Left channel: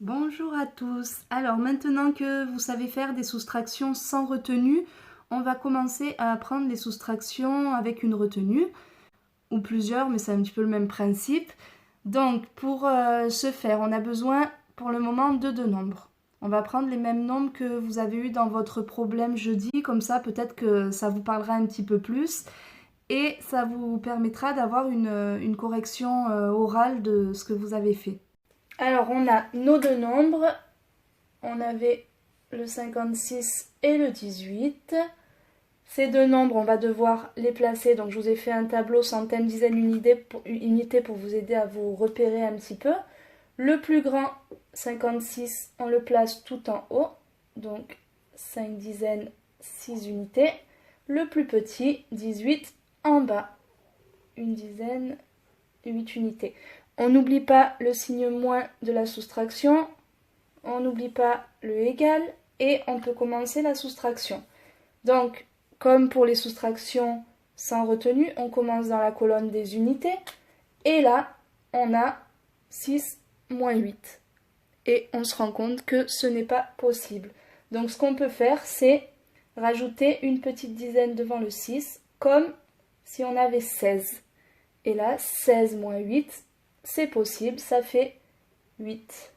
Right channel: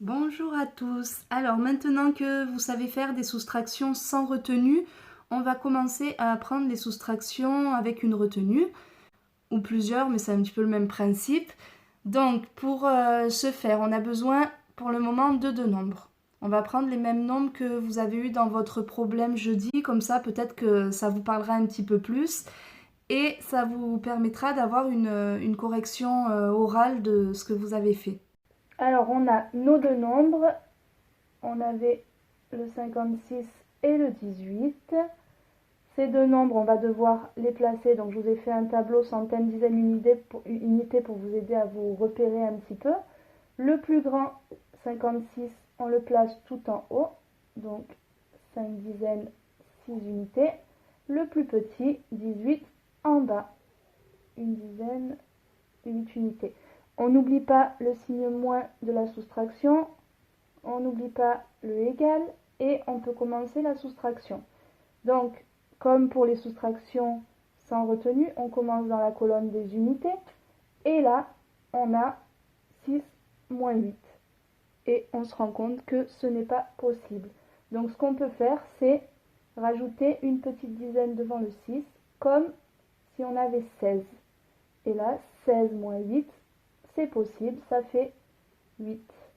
Bonjour à tous. Alors maintenant que vous savez faire des soustractions sans retenue, on va commencer à apprendre les soustractions avec une retenue, ou plusieurs, mais c'est un petit peu le même principe. Donc pour ce faire, on a besoin pour le moment de deux nombres. On va prendre les mêmes nombres que vous avez eu dans votre problème jeudi, comme ça peut-être que ça vous parlera un petit peu plus et ça vous permettra d'avoir une correction orale de ce que vous avez fait. Alors on a nos deux nombres, on avait le 56 et le 18. Ces deux nombres, on va devoir les placer. Donc je vous ai fait un tableau centaines, dizaines, unités pour vous aider à vous repérer un petit peu. Le plus grand, 56, on le place tout en haut. Donc 5 dizaines, 6 unités. Le plus petit, 18, en bas. Une dizaine, 8 unités. On n'oublie pas le signe moins de la soustraction. On n'oublie pas le égal. Et on peut commencer la soustraction. Donc, comme pour les soustractions sans retenue, on commence dans la colonne des unités. Et là, on a 6 moins 8. Et on se rend compte que ce n'est pas possible. Donc, ce qu'on peut faire, c'est rajouter une petite dizaine devant le 6, comme si on avait 16. Et là, 16 moins 8, c'est possible, ça fait 8.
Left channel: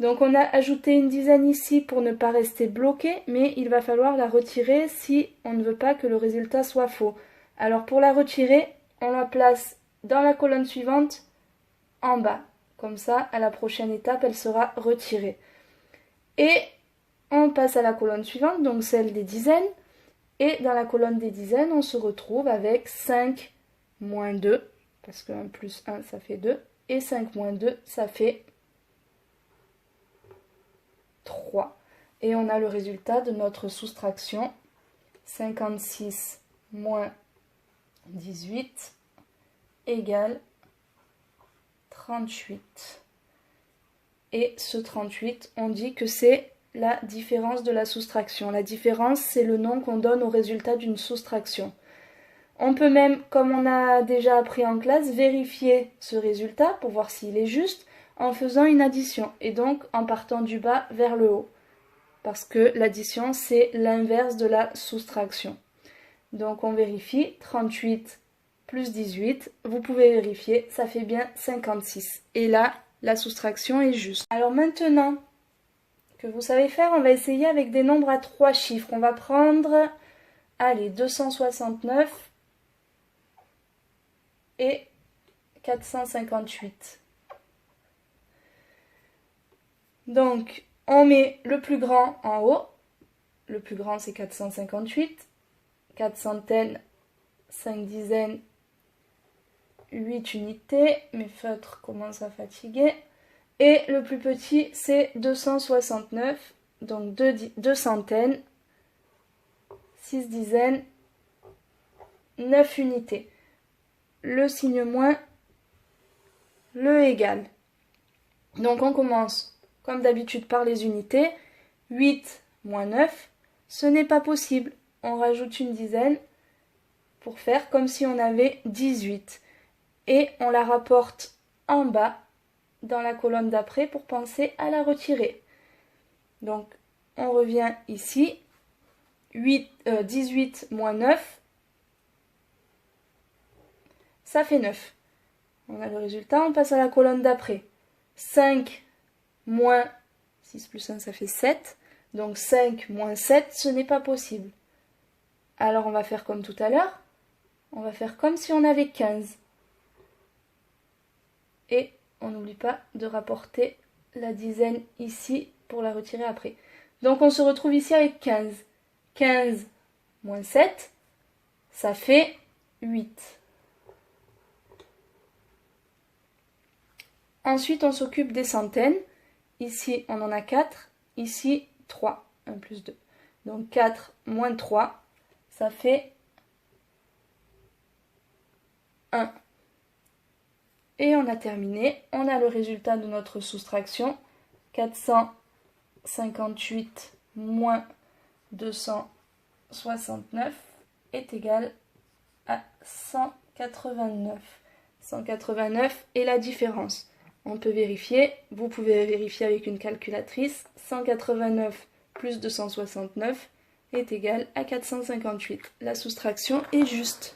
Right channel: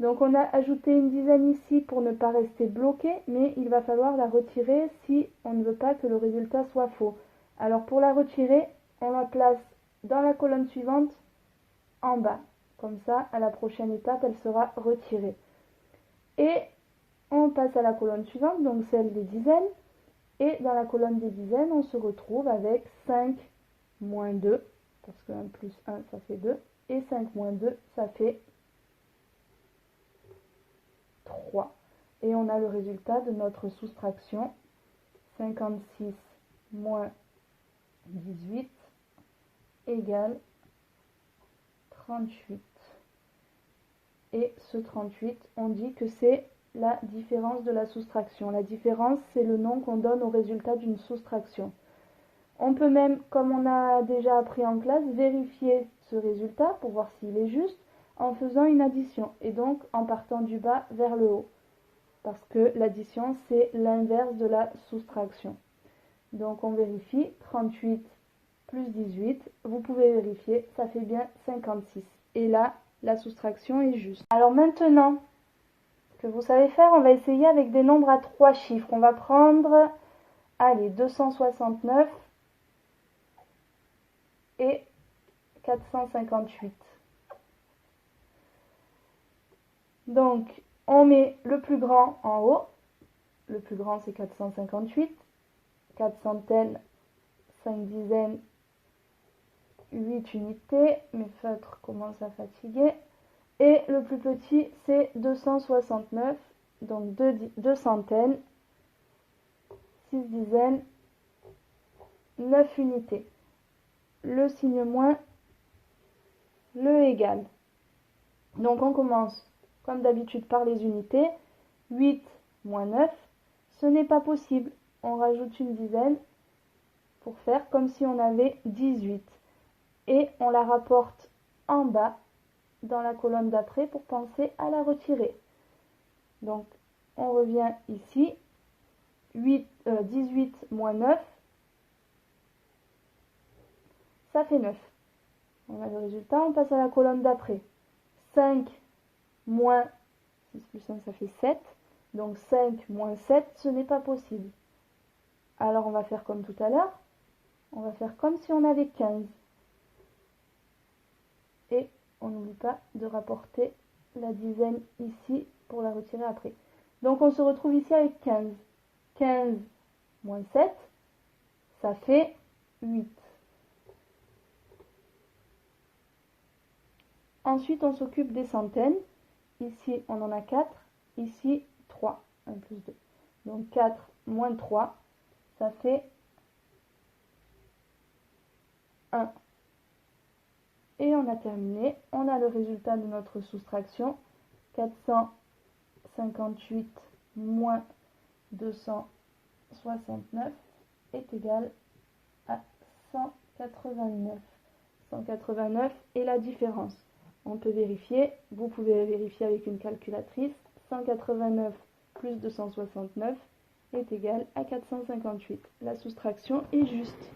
Donc on a ajouté une dizaine ici pour ne pas rester bloqué, mais il va falloir la retirer si on ne veut pas que le résultat soit faux. Alors pour la retirer, on la place dans la colonne suivante, en bas. Comme ça, à la prochaine étape, elle sera retirée. Et on passe à la colonne suivante, donc celle des dizaines. Et dans la colonne des dizaines, on se retrouve avec 5 moins 2, parce que 1 plus 1, ça fait 2. Et 5 moins 2, ça fait 3. Et on a le résultat de notre soustraction. 56 moins 18 égale 38. Et ce 38, on dit que c'est la différence de la soustraction. La différence, c'est le nom qu'on donne au résultat d'une soustraction. On peut même, comme on a déjà appris en classe, vérifier ce résultat pour voir s'il est juste en faisant une addition et donc en partant du bas vers le haut. Parce que l'addition, c'est l'inverse de la soustraction. Donc on vérifie, 38 plus 18, vous pouvez vérifier, ça fait bien 56. Et là, la soustraction est juste. Alors maintenant que vous savez faire, on va essayer avec des nombres à 3 chiffres. On va prendre, allez, 269 et 458. Donc, on met le plus grand en haut. Le plus grand, c'est 458. 4 centaines, 5 dizaines, 8 unités. Mes feutres commencent à fatiguer. Et le plus petit, c'est 269. Donc 2 centaines, 6 dizaines, 9 unités. Le signe moins, le égal. Donc on commence comme d'habitude par les unités. 8 moins 9, ce n'est pas possible. On rajoute une dizaine pour faire comme si on avait 18. Et on la rapporte en bas dans la colonne d'après pour penser à la retirer. Donc on revient ici. 18 moins 9, ça fait 9. On a le résultat, on passe à la colonne d'après. 5 moins 6 plus 1, ça fait 7. Donc 5 moins 7, ce n'est pas possible. Alors on va faire comme tout à l'heure. On va faire comme si on avait 15. Et on n'oublie pas de rapporter la dizaine ici pour la retirer après. Donc on se retrouve ici avec 15. 15 moins 7, ça fait 8. Ensuite, on s'occupe des centaines. Ici, on en a 4. Ici, 3. 1 plus 2. Donc 4 moins 3, ça fait 1. Et on a terminé. On a le résultat de notre soustraction. 458 moins 269 est égal à 189. 189 est la différence. On peut vérifier, vous pouvez vérifier avec une calculatrice. 189 plus 269 est égal à 458. La soustraction est juste.